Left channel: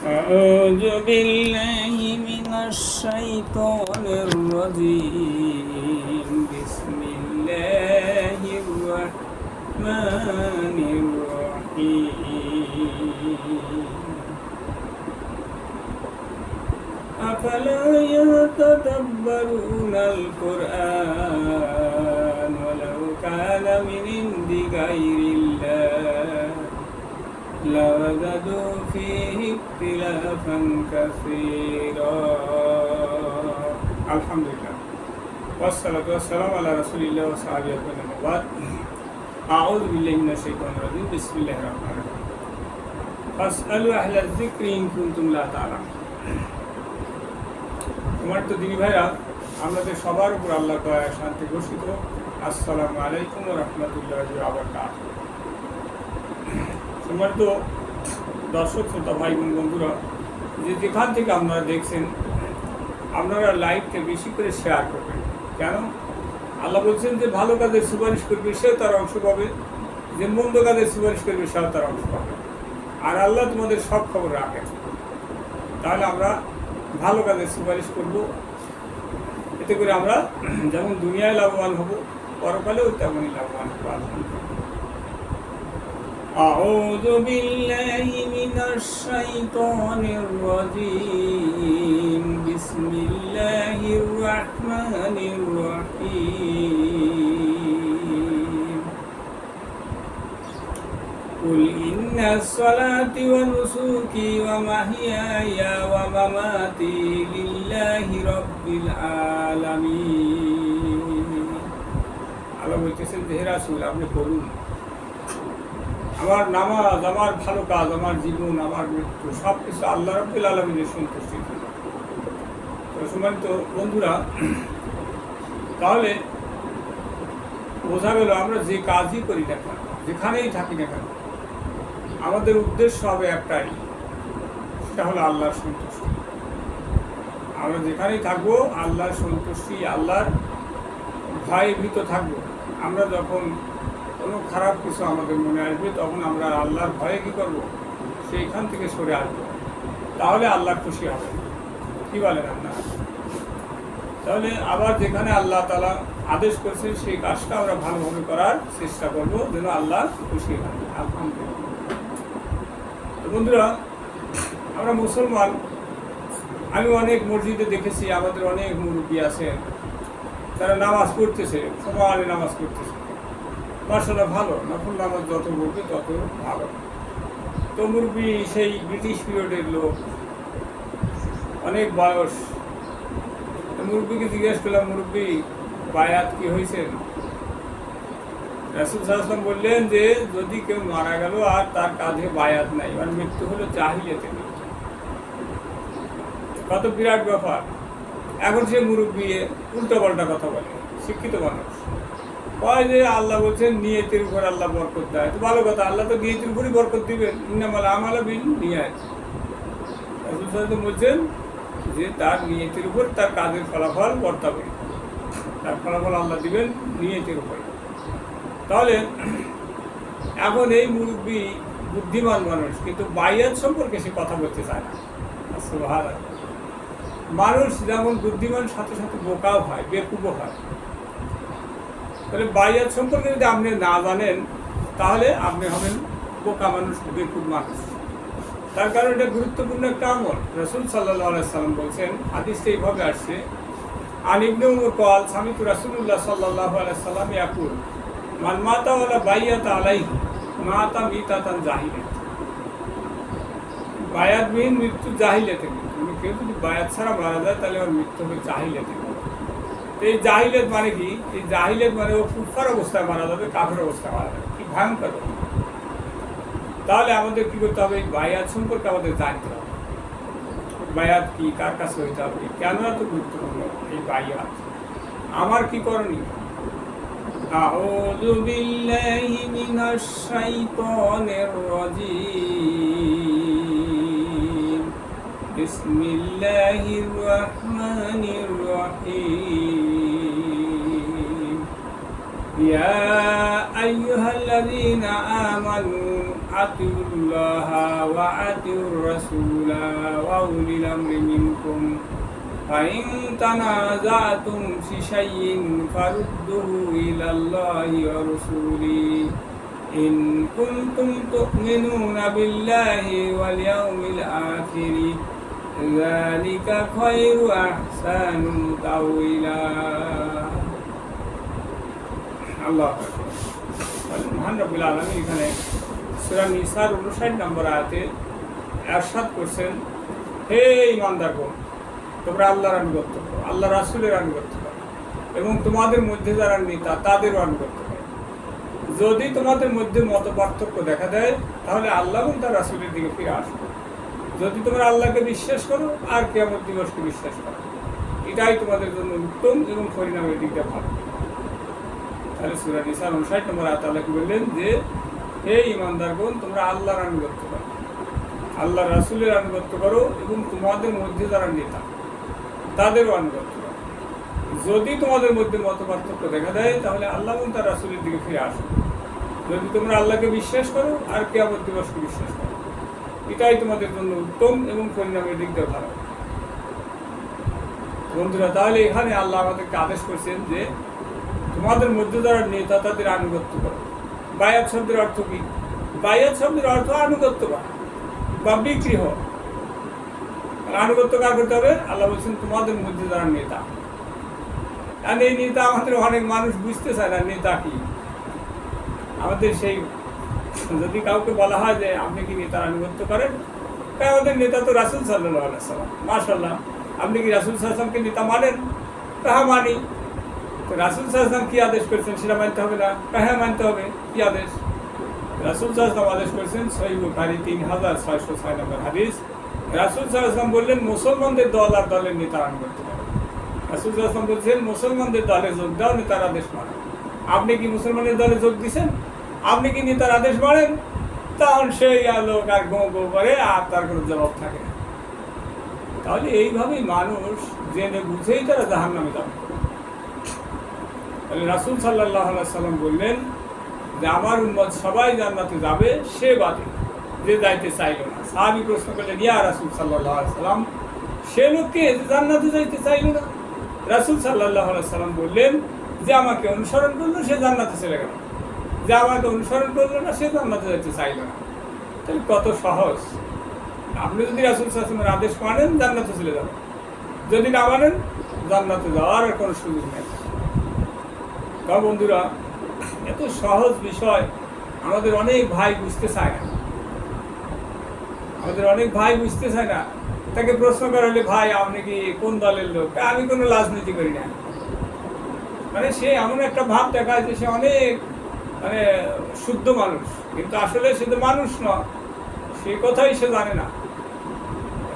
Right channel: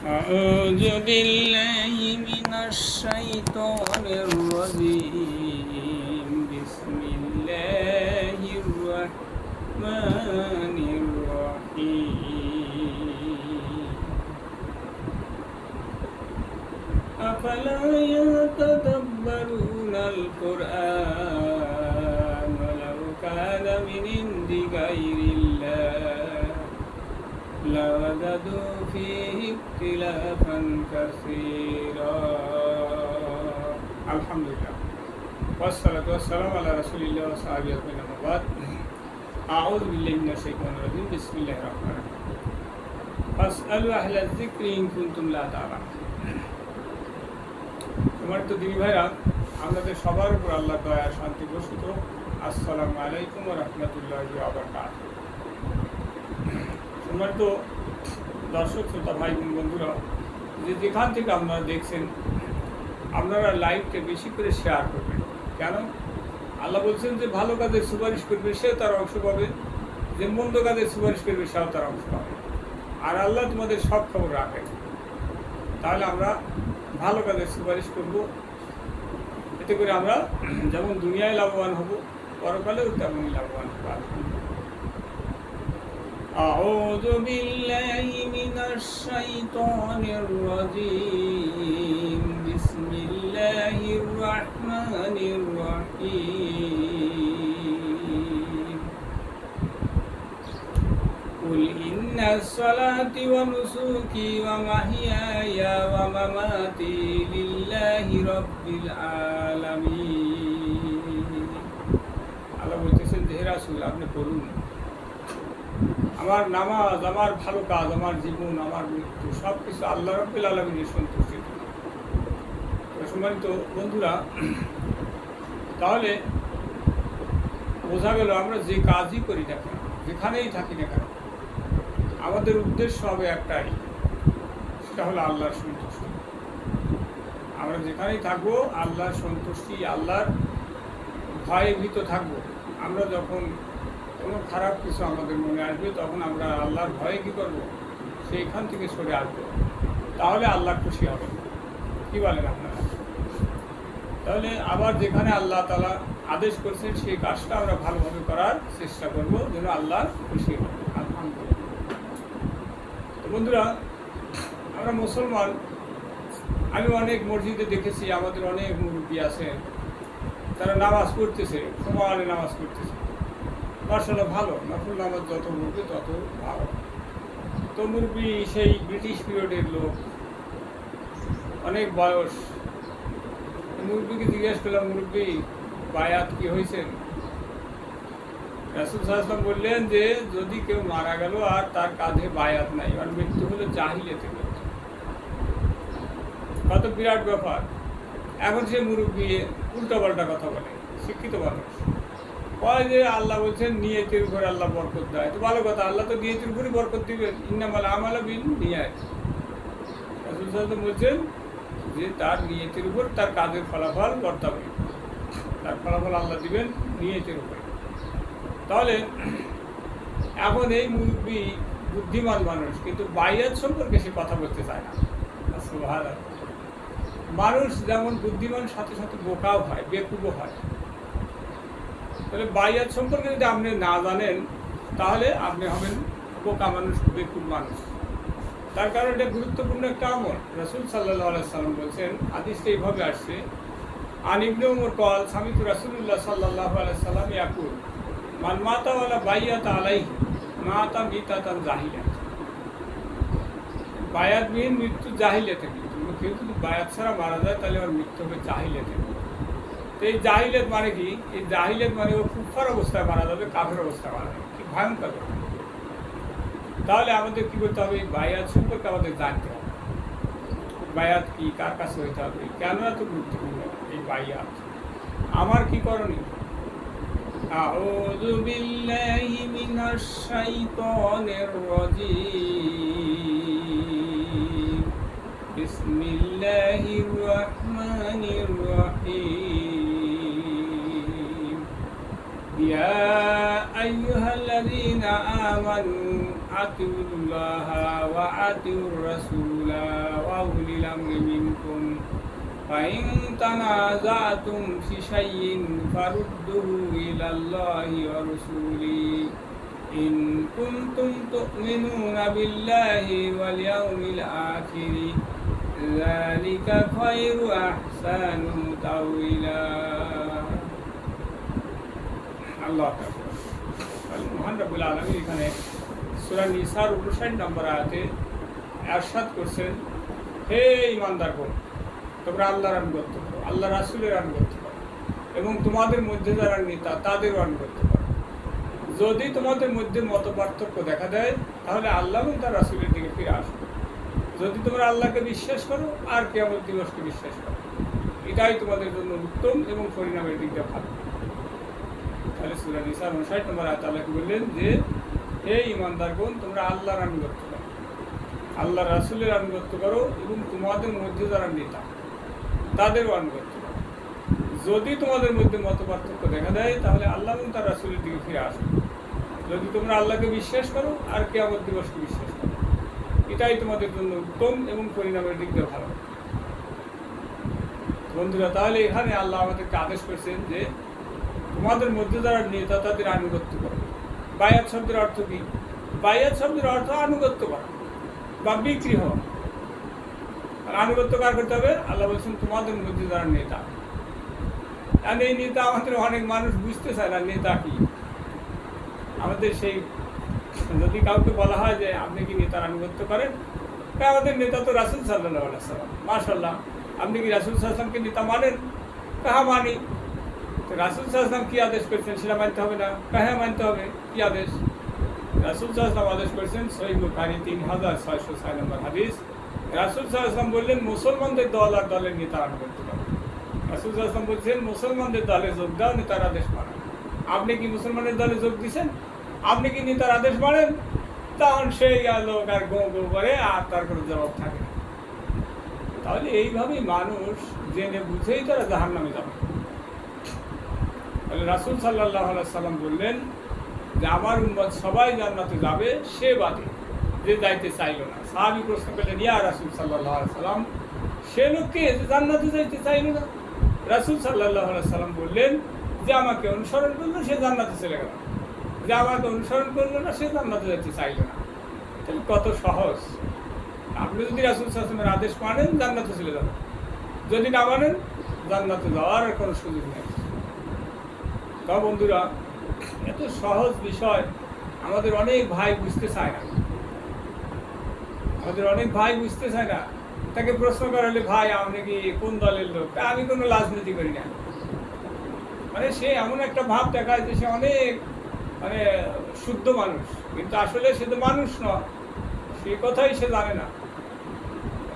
أعوذ بالله من الشيطان الرجيم بسم الله الرحمن الرحيم أفلا يتدبرون القرآن ولو كان من عند غير الله لوجدوا فيه اختلافا كثيرا الحمد لله والصلاة والسلام على رسول الله وصحبه أجمعين أما بعد أعوذ بالله من الشيطان الرجيم بسم الله الرحمن الرحيم فاسألوا أهل الذكر إن كنتم لا تعلمون তোমার তো দিনী ভাইরা আমাদের সবার উপর আল্লাহ দয়া শান্তি বর্ষিত আসসালামু আলাইকুম ওয়া রাহমাতুল্লাহি ওয়া বারাকাতুহু। তোমার তো দর্শক শ্রোতা ভাই বোন বন্ধুরা যে যেখান থেকে আপনারা দেখছেন আপনারা লাইভকে বেশি করে শেয়ার করবেন। কেন? আল্লাহ বলছেন যে ভালো কাজের সুপারিশ করবে সেও তার অংশ পাবে, যে মন্দ কাজের সুপারিশ করবে সেও তার অংশ পাবে। আর আল্লাহ তোমাদের সব খবর রাখেন। তাহলে আমরা ভালো কাজের সুপারিশ করব, এতে করে আমরা যেমন দুনিয়ায় লাভবান হব পরকালেও তেমনই লাভবান হব। أعوذ بالله من الشيطان الرجيم بسم الله الرحمن الرحيم قل إن الصلاة ونسكي ومحياي ومماتي لله رب العالمين আল্লাহ বলতেছেন যে হে রাসূল আপনি বলুন আমার নামাজ, আমার ভালো কাজ, আমার জীবন, আমার মৃত্যু সব কিছু আল্লাহ রাব্বুল আলামিনের সন্তুষ্টির জন্য। সম্মানিত বন্ধুরা, তাহলে বোঝা গেল আমরা যে কাজই করি না কেন, যেখানেই থাকি না কেন, আমাদের উদ্দেশ্য হবে একটাই, সেটা হলো আল্লাহর সন্তুষ্টি। আমরা যেখানেই থাকবো আল্লাহর সন্তুষ্টি, আল্লাহর ভয় ভীত থাকবো। আমরা যখন কোনো খারাপ কিছু আমাদের মনে আসবে তখন আমরা আল্লাহর ভয়ে কী করবো, সেইখান থেকে সরে আসবো, তাহলে আল্লাহ খুশি হবে। কী বলেন আপনারা? তাহলে আবার যেখানে আল্লাহ তাআলা আদেশ করছেন সেই কাজটা আমরা ভালোভাবে করার চেষ্টা করবো যেন আল্লাহ খুশি হয়। আলহামদুলিল্লাহ। তো বন্ধুরা, আমরা মুসলমান, আমি অনেক মসজিদে দেখেছি আমাদের অনেক মুরব্বী আছেন, তারা নামাজ পড়তেছে, সমানে নামাজ পড়তেছে, মাশাআল্লাহ ভালো, নফল নামাজ যত পড়বে তত ভালো। তো মুরব্বী সেই ব্রিটিশ পিরিয়ডের লোক, অনেক বয়স। মুরব্বীকে জিজ্ঞেস করলাম, মুরব্বী বায়াত কি হয়েছেন? রাসূল সাল্লাল্লাহু আলাইহি ওয়াসাল্লাম বললেন যে যদি কেউ মারা গেল আর তার কাঁধে বায়াত নাই, আর মৃত্যু হলো জাহিলিয়াতে মৃত্যু। কত বিরাট ব্যাপার। এখন সে মুরব্বী উল্টাপাল্টা কথা বলে, শিক্ষিত মানুষ কয় যে আল্লাহ বলছেন নিয়তের উপর আল্লাহ বরকত দেয়। তো ভালো কথা, আল্লাহ তো নিয়তের উপরই বরকত দিবেন, ইন্নামাল আমালু বিন্নিয়াত। রাসূল সাল্লাল্লাহু আলাইহি ওয়াসাল্লাম বলছেন যে তার নিয়তের উপর তার কাজের ফলাফল বর্তাবে, তার ফলাফল আল্লাহ দিবেন নিয়তের উপরে। তাহলে এখন এই মুরব্বী বুদ্ধিমান মানুষ, কিন্তু বাইয়াত সম্পর্কে সে কথা বলতে চায় না। সুবহানাল্লাহ। মানুষ যেমন বুদ্ধিমান সাথে সাথে বোকাও হয়, বেকুবও হয়। তাহলে বাইয়াত সম্পর্কে যদি আপনি না জানেন তাহলে আপনি হবেন বোকা মানুষ, বেকুব মানুষ। তার কারণ এটা গুরুত্বপূর্ণ একটা আমল। রাসূল সাল্লাল্লাহু আলাইহি ওয়াসাল্লাম বলছেন, হাদিসটা এইভাবে আসছে, আন ইবনে উমর ক্বাল সামিতু রাসূলুল্লাহ সাল্লাল্লাহু আলাইহি ওয়াসাল্লাম ইয়াকুল মান মাতা ওয়ালা বাইয়াতা আলাইহি মাতা মিতাতান জাহিলিয়াত। বায়াতবিহীন মৃত্যু জাহিলিয়াতে মৃত্যু। কেউ যদি বায়াত ছাড়া মারা যায় তাহলে ওর মৃত্যু হবে জাহিলিয়াতে। এই জাহিলিয়াত মানে কি? এই জাহিলিয়াত মানে ও কুফার অবস্থায় মারা যাবে, কাফের অবস্থায় মারা যাবে। কি ভয়ঙ্কর! তাহলে আমাদের কী করতে হবে? এই বায়াত সম্পর্কে আমাদের জানতে হবে। বায়াত কি, কার কাছে হইতে হবে, কেন এত গুরুত্বপূর্ণ এই বায়াত, আমার কি করণীয়? আউযু বিল্লাহি মিনাশ শাইতানির রাজীম বিসমিল্লাহির রহমানির রহিম ইয়া আইয়ুহাল্লাযীনা আমানু আতিউল্লাহা ওয়া আতিউর রাসূলা ওয়া উলিল আমরি মিনকুম ফাইন তানাযাতুম ফি শাইইন ফারুদ্দুহু ইলাল্লাহি ওয়া রাসূলি ইন কুনতুম তু'মিনুনা বিল্লাহি ওয়াল ইয়াউমিল আখিরি যালিকা খায়রু আহসানু তাওয়িলা। আল্লাহ মহান রব্বুল আলামিন এখানে সূরা নিসার 59 নম্বর আয়াতে ইরশাদ করছেন, হে ঈমানদারগণ, তোমরা আল্লাহর আনুগত্য করো, আল্লাহ রাসূলের আনুগত্য করো এবং তোমাদের মধ্যে যারা নেতা তাদেরও আনুগত্য করো। যদি তোমাদের মধ্যে মত পার্থক্য দেখা দেয় তাহলে আল্লাহ এবং তার রাসূলের দিকে ফিরে আসো। যদি তোমরা আল্লাহকে বিশ্বাস করো আর কিয়ামত দিবসকে বিশ্বাস করো, এটাই তোমাদের জন্য উত্তম এবং পরিণামের দিক দিয়ে ভালো। তাহলে সূরা নিসার 59 নম্বর আয়াতে আল্লাহ কি বললেন যে, হে ঈমানদারগণ, তোমরা আল্লাহর আনুগত্য করো, আল্লাহ রাসূলের আনুগত্য করো এবং তোমাদের মধ্যে যারা নেতা তাদেরও আনুগত্য করো। যদি তোমাদের মধ্যে মত পার্থক্য দেখা দেয় তাহলে আল্লাহ এবং তার রাসূলের দিকে ফিরে আসো। যদি তোমরা আল্লাহকে বিশ্বাস করো আর কিয়ামত দিবসকে বিশ্বাস করো, এটাই তোমাদের জন্য উত্তম এবং পরিণামের দিক দিয়ে ভালো। বন্ধুরা, তাহলে এখানে আল্লাহ আমাদেরকে আদেশ করছেন যে তোমাদের মধ্যে যারা নেতা তাদের আনুগত্য করো। বায়াত শব্দের অর্থ কি? বায়াত শব্দের অর্থ আনুগত্য করা বা বিক্রি হওয়া। আনুগত্য কার করতে হবে? আল্লাহ বলছেন তোমাদের মধ্যে যারা নেতা। আর এই নেতা আমাদের অনেক মানুষ বুঝতে চায় না নেতা কি। আমাদের সেই যদি কাউকে বলা হয় যে আপনি কি নেতার আনুগত্য করেন, তাই আমাদের নেতা তো রাসূল সাল্লাল্লাহু আলাইহি ওয়াসাল্লাম, মাশাআল্লাহ, আপনি কি রাসূল সাল্লাল্লাহু আলাইহি ওয়াসাল্লামকে নেতা মানেন? হ্যাঁ মানি। তো রাসূল সাল্লাল্লাহু আলাইহি ওয়াসাল্লাম কি আদেশ করেছেন সেটা মানতে হবে না? হ্যাঁ মানতে হবে। কি আদেশ? রাসূল সাল্লাল্লাহু আলাইহি ওয়াসাল্লাম আদেশ করেছেন, সহিহ বুখারী 3606 নম্বর হাদিস। রাসূল সাল্লাল্লাহু আলাইহি ওয়াসাল্লাম বললেন, মুসলমানদের দল আর দলের নেতার আনুগত্য করো। রাসূল সাল্লাল্লাহু আলাইহি ওয়াসাল্লাম বলছেন, মুসলমানদের দলে যোগ দাও, নেতার আদেশ মানো। আপনি কি মুসলমানের দলে যোগ দিয়েছেন? আপনি কি নেতার আদেশ মানেন? তখন সেই লোক আর গো গো করে আর তার কোনো জবাব থাকে না। তাহলে এইভাবেই মানুষ জেনে বুঝেই তারা জাহান্নামে যাবে। তাহলে রাসূল সাল্লাল্লাহু আলাইহি ওয়াসাল্লাম বললেন যে আমার উম্মত সবাই জান্নাতে যাবে, সে বাদে যে যাইতে চাইল না। সাহাবী প্রশ্ন করলেন, ইয়া রাসূল সাল্লাল্লাহু আলাইহি ওয়াসাল্লাম, সে লোককে যে জান্নাতে যাইতে চাইল না? রাসূল সাল্লাল্লাহু আলাইহি ওয়াসাল্লাম বললেন যে আমাকে অনুসরণ করলো সে জান্নাতে চলে গেল, যে আমাকে অনুসরণ করলো না সে জান্নাতে যেতে চাইল না। তাহলে কত সহজ। আপনি যদি রাসূল সাল্লাল্লাহু আলাইহি ওয়াসাল্লামের আদেশ মানেন জান্নাতে চলে যাবেন, যদি না মানেন জান্নাতে যাওয়ার আর কোনো সুযোগ নেই। তা বন্ধুরা, এত সহজ বিষয় আমাদের অনেক ভাই বুঝতে চায় না। আমাদের অনেক ভাই বুঝতে চায় না। তাকে প্রশ্ন করা হলে, ভাই আপনি কি কোন দলের লোক? আমি কোনো রাজনীতি করি না। মানে সে এমন একটা ভাব দেখায় যে সে অনেক শুদ্ধ মানুষ, কিন্তু আসলে সে তো মানুষ নয়, সেই কথাই সে জানে না।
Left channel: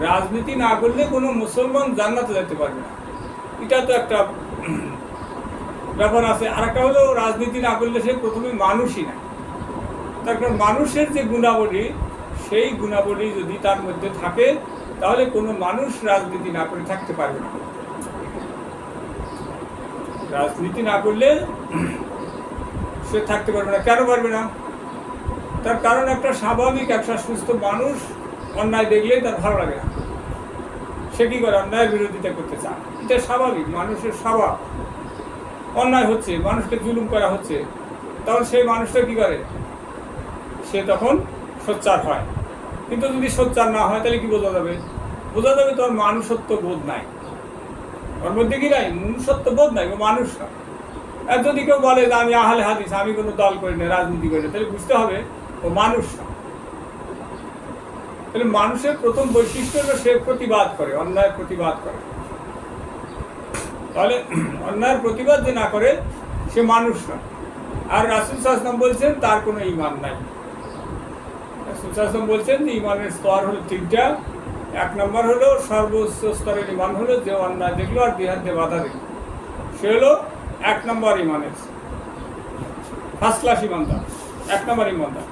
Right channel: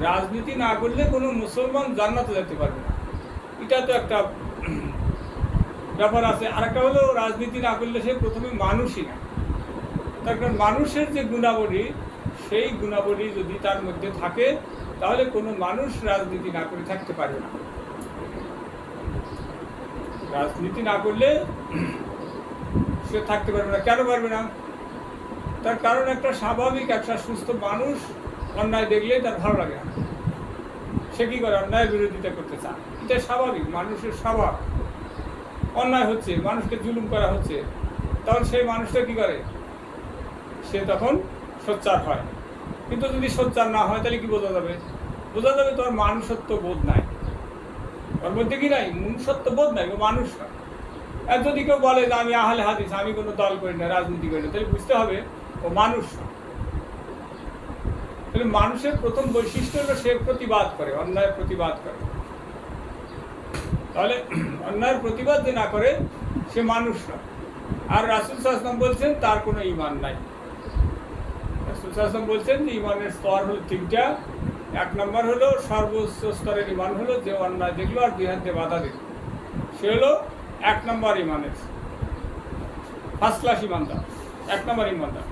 রাজনীতি না করলে কোনো মুসলমান জান্নাতে যেতে পারবে না, এটা তো একটা ব্যাপার আছে। আর একটা হলো, রাজনীতি না করলে সে প্রথমে মানুষই না। তার কারণ মানুষের যে গুণাবলী, সেই গুণাবলী যদি তার মধ্যে থাকে তাহলে কোনো মানুষ রাজনীতি না করে থাকতে পারবে না। রাজনীতি না করলে সে থাকতে পারবে না। কেন পারবে না? তার কারণ একটা স্বাভাবিক, একটা সুস্থ মানুষ অন্যায় দেখলে তার ভালো লাগে না, সে কি করে? অন্যায়ের বিরোধিতা করতে চায়। এটা স্বাভাবিক, মানুষের স্বভাব। অন্যায় হচ্ছে, মানুষকে জুলুম করা হচ্ছে, তখন সেই মানুষটা কি করে? সে তখন সোচ্চার হয়। কিন্তু যদি সোচ্চার না হয় তাহলে কি বোঝা যাবে? বোঝা যাবে তোর মানুষত্ব বোধ নাই, ওর মধ্যে কি নাই? মনুষ্যত্ব বোধ নাই, ও মানুষ না। আর যদি কেউ বলে যে আমি আহলে হাদিস, আমি কোনো দল করি না, রাজনীতি করি না, তাহলে বুঝতে হবে ও মানুষ না। তাহলে মানুষের প্রথম বৈশিষ্ট্য হলো সে প্রতিবাদ করে, অন্যায়ের প্রতিবাদ করে। তাহলে অন্যায়ের প্রতিবাদ যে না করে সে মানুষ না। আর রাসূল সাল্লাল্লাহু আলাইহি ওয়াসাল্লাম বলছেন তার কোনো ঈমান নাই। রাসূল সাল্লাল্লাহু আলাইহি ওয়াসাল্লাম বলছেন যে ঈমানের স্তর হলো তিনটা। এক নম্বর হলো, সর্বোচ্চ স্তরের ঈমান হলো যে অন্যায় দেখলো আর দুই হাত দিয়ে বাধা দিল, সে হলো 1 নম্বর ঈমানের ফার্স্ট ক্লাস ঈমানদার, 1 নম্বর ঈমানদার।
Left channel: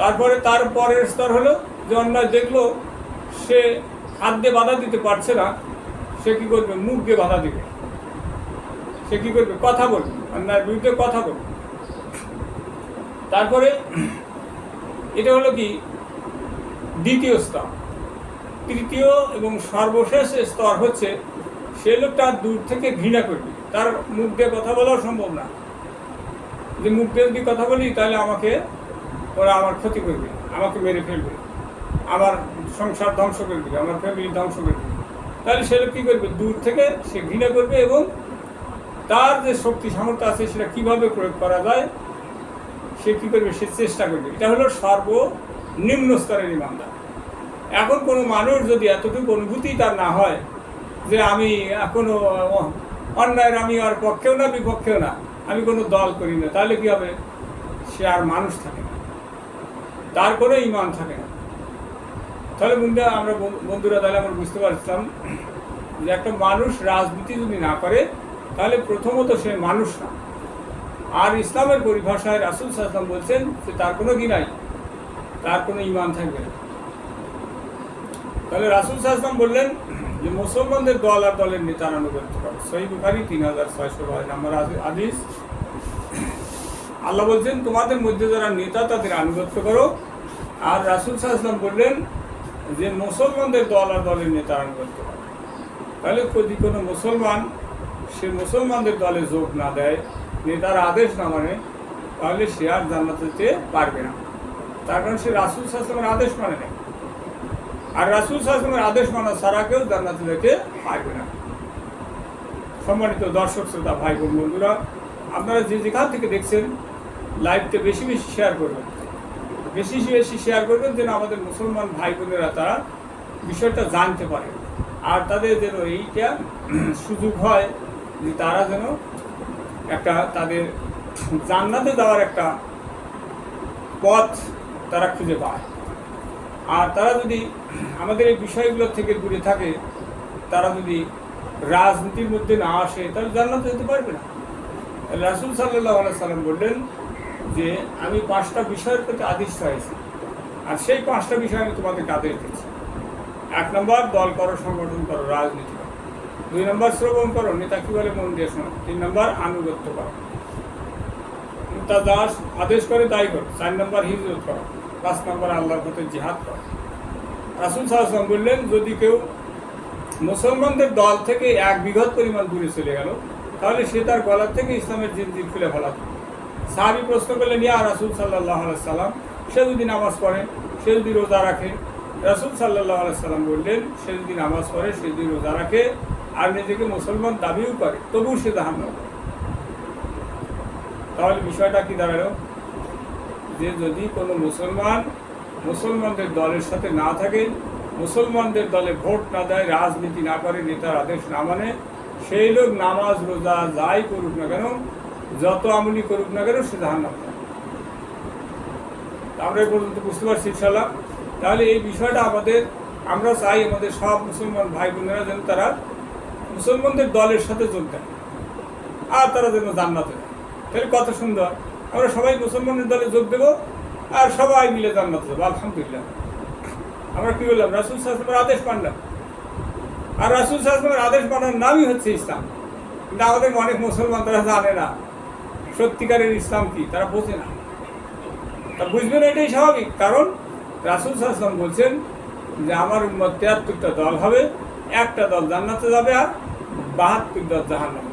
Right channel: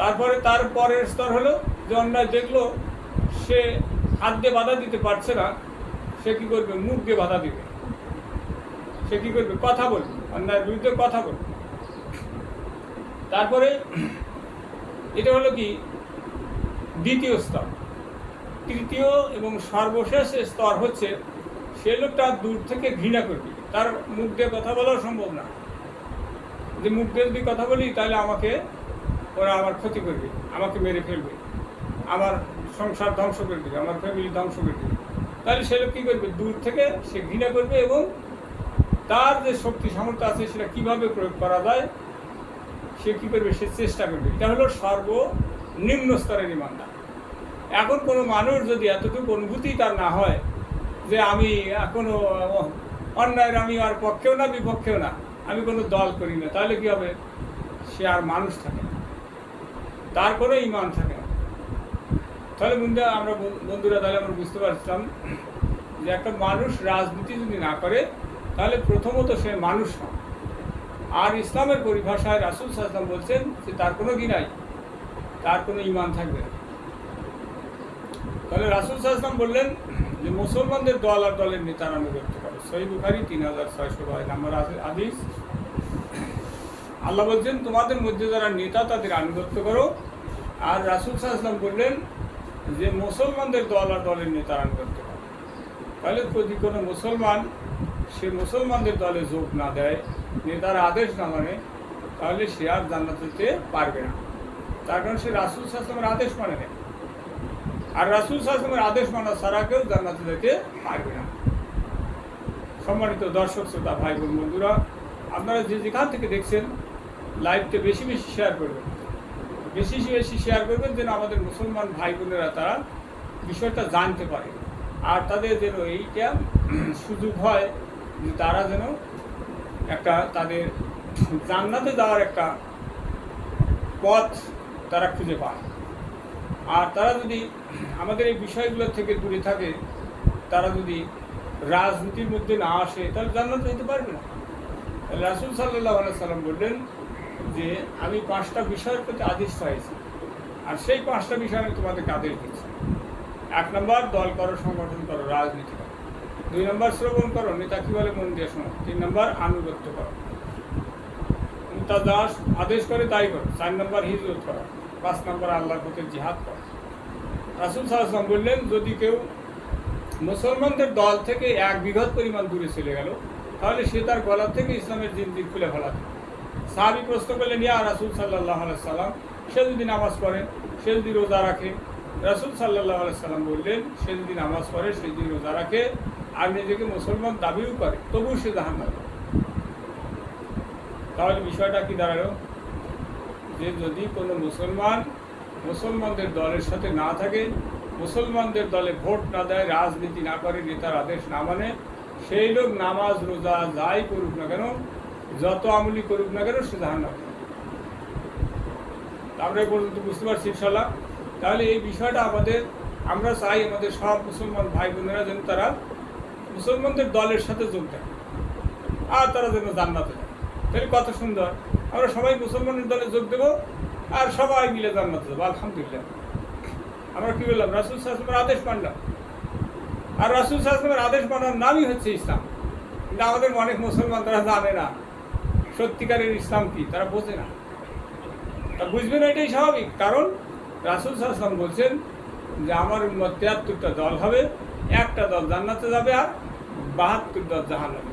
তারপরে তার পরের স্তর হলো যে অন্যায় দেখলো, সে হাত দিয়ে বাধা দিতে পারছে না, সে কী করবে? মুখ দিয়ে বাধা দিবে। সে কী করবে? কথা বলবে, অন্যায়ের বিরুদ্ধে কথা বলবে। তারপরে এটা হলো কি দ্বিতীয় স্তর। তৃতীয় এবং সর্বশেষ স্তর হচ্ছে সে লোকটা দূর থেকে ঘৃণা করবে, তার মুখ দিয়ে কথা বলাও সম্ভব না। যে মুখ দিয়ে যদি কথা বলি তাহলে আমাকে ওরা আমার ক্ষতি করবে, আমাকে মেরে ফেলবে, আমার সংসার ধ্বংস করে দেবে, আমার ফ্যামিলি ধ্বংস করে দেবে। তাহলে সে লোক কী করবে? দূর থেকে সে ঘৃণা করবে এবং তার যে শক্তি সামর্থ্য আছে সেটা কীভাবে প্রয়োগ করা যায় সে কী করবে? সে চেষ্টা করবে। এটা হলো সর্বনিম্ন স্তরের ইমানদার। এখন কোনো মানুষ যদি এতটুকু অনুভূতি তার না হয় যে আমি এখনো অন্যায়ের আমি আর পক্ষেও না বিপক্ষেও না, আমি কোনো দল করি না, তাহলে কী হবে? সে আর মানুষ থাকে না, তার কোনো ইমান থাকে না। তাহলে আমরা বন্ধুরা তাহলে আমরা বুঝতে পারছিলাম যে একটা মানুষ রাজনীতি যদি না করে তাহলে প্রথমত সে মানুষ না। আর ইসলামের পরিভাষায় রাসূল সাল্লাল্লাহু আলাইহি ওয়াসাল্লাম বলছেন যে তার কোনো কি নাই, তার কোনো ইমান থাকবে না। তাহলে রাসূল সাল্লাল্লাহু আলাইহি ওয়াসাল্লাম বললেন যে মুসলমানদের দল আর দলের নেতার আনুগত্য করো। সহিহ বুখারী 3600 নম্বর হাদিস। আল্লাহ বলছেন তোমাদের মধ্যে যারা নেতা তাদের আনুগত্য করো। আর রাসূল সাল্লাল্লাহু আলাইহি ওয়াসাল্লাম বললেন যে মুসলমানদের দল আর দলের নেতার আনুগত্য করো। তাহলে যদি কোনো মুসলমান সে মুসলমানদের দলে যোগ না দেয়, নেতার আদেশ না মানে, তাহলে সে আর জান্নাতে যেতে পারবে না। তার কারণ সে রাসূল সাল্লাল্লাহু আলাইহি ওয়াসাল্লামের আদেশ মানে না। আর রাসূল সাল্লাল্লাহু আলাইহি ওয়াসাল্লামের আদেশ মানা ছাড়া কেউ জান্নাতে যেতে পারবে না। সম্মানিত দর্শক শ্রোতা ভাই বোন বন্ধুরা, আপনারা যে যেখান থেকে দেখছেন লাইভটা বেশি বেশি শেয়ার করবেন, বেশি বেশি শেয়ার করবেন যেন আমাদের মুসলমান ভাই বোনেরা তারা বিষয়টা জানতে পারে। আর তাদের যেন এইটা সুযোগ হয় যে তারা যেন একটা তাদের জান্নাতে যাওয়ার একটা পথ তারা খুঁজে পায়। আর তারা যদি আমাদের এই বিষয়গুলো থেকে দূরে থাকে, তারা যদি রাজনীতির মধ্যে না আসে, তাহলে জান্নাতে যেতে পারবে না। রাসূল সাল্লাল্লাহু আলাইহি ওয়াসাল্লাম বললেন যে আমি 5টা বিষয়ের প্রতি আদিষ্ট হয়েছি, আর সেই 5টা বিষয় আমি তোমাদেরকে আদেশ দিচ্ছি। 1 নম্বর দল করো, সংগঠন করো, রাজনীতি করো। 2 নম্বর শ্রবণ করো, নেতা কী বলে মন দিয়ে শোনো। 3 নম্বর আনুগত্য করো, তা যা আদেশ করে তাই করো। 4 নম্বর হিজরত করো। 5 নম্বর আল্লাহর পথে জিহাদ করো। রাসূল সাল্লাল্লাহু আলাইহি ওয়াসাল্লাম বললেন যদি কেউ মুসলমানদের দল থেকে 1 বিঘত পরিমাণ দূরে চলে গেল, তাহলে সে তার গলা থেকে ইসলামের জিনজির খুলে ফেলাত। সাহাবী প্রশ্ন করলেন ইয়া রাসূল সাল্লাল্লাহু আলাইহি সাল্লাম, সে যদি নামাজ পড়ে, সে যদি রোজা রাখে? রাসূল সাল্লাল্লাহু আলাইহি সাল্লাম বললেন সে যদি নামাজ পড়ে, সে যদি রোজা রাখে আর নিজেকে মুসলমান দাবিও করে, তবুও সে জাহান্নামী। তাহলে বিষয়টা কি দাঁড়ালো? যে যদি কোনো মুসলমান মুসলমানদের দলের সাথে না থাকে, মুসলমানদের দলে ভোট না দেয়, রাজনীতি না করে, নেতার আদেশ না মানে, সেই লোক নামাজ রোজা যাই করুক না কেন, যত আমলি করুক না কেন, সে জাহান্নামী। আমরা এই পর্যন্ত বুঝতে পারছি ইনশাআল্লাহ। তাহলে এই বিষয়টা আমরা চাই আমাদের সব মুসলমান ভাই বোনেরা যেন তারা মুসলমানদের দলের সাথে চলতে, আর তারা যেন জান্নাতে যায়। তাহলে কত সুন্দর, আমরা সবাই মুসলমানের দলে যোগ দেবো আর সবাই মিলে জান্নাতে যাবো। আলহামদুলিল্লাহ। আমরা কি বললাম? রাসূল সাল্লাল্লাহু আলাইহি ওয়াসাল্লামের আদেশ মানলাম। আর রাসূল সাল্লাল্লাহু আলাইহি ওয়াসাল্লামের আদেশ মানার নামই হচ্ছে ইসলাম। কিন্তু আমাদের অনেক মুসলমান তারা জানে না সত্যিকারের ইসলাম কি, তারা বোঝে না। তা বুঝবেন এটাই স্বাভাবিক, কারণ রাসূল সাল্লাল্লাহু আলাইহি ওয়াসাল্লাম বলছেন যে আমার উম্মত 73টা দল হবে, একটা দল জান্নাতে যাবে আর 72 দল জাহান্নামে।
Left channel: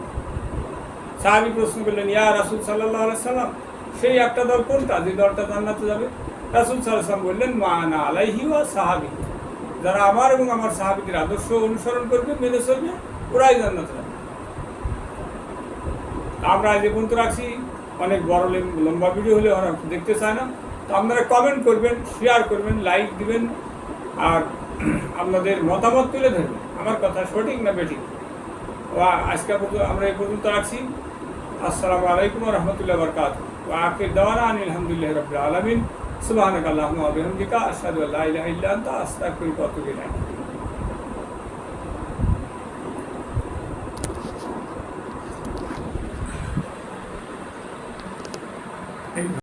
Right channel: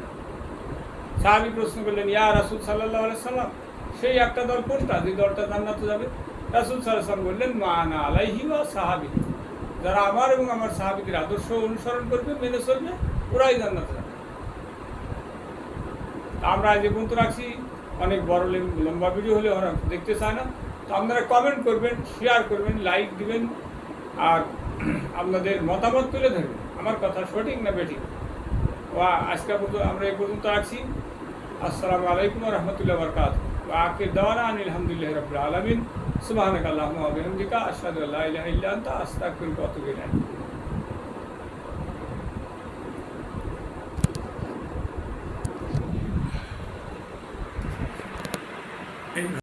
সাহাবী প্রশ্ন করলেন ইয়া রাসূল সাল্লাল্লাহু আলাইহি ওয়াসাল্লাম, সেই একটা দল কোনটা যে দলটা জান্নাতে যাবে? রাসূল সাল্লাল্লাহু আলাইহি ওয়াসাল্লাম বললেন মা আনা আলাইহি ওয়া সাহাবী, যারা আমার এবং আমার সাহাবীদের আদর্শ অনুসরণ করবে, মেনে চলবে, ওরাই জান্নাতে যাবে। আমরা আজ পর্যন্ত রাখছি। অনেক বড় লম্বা ভিডিও হলে ওরা দেখতে চায় না। তো আপনারা কমেন্ট করবেন, শেয়ার করবেন, লাইক দিবেন, আর আপনাদের মতামত তুলে ধরবেন আমার কথা সঠিক না বেঠিক। আজকে আমরা এই পর্যন্ত রাখছি। আসসালামু আলাইকুম ওয়া রাহমাতুল্লাহি ওয়া বারাকাতুহু। ওয়া আখির দাওয়ানা আলহামদুলিল্লাহি রাব্বিল আলামিন। সুবহানাকাল্লাহুম্মা ওয়া বিহামদিকা আশহাদু আল্লা ইলাহা ইল্লা আনতা আস্তাগফিরুকা ওয়া আতুবু ইলাইক।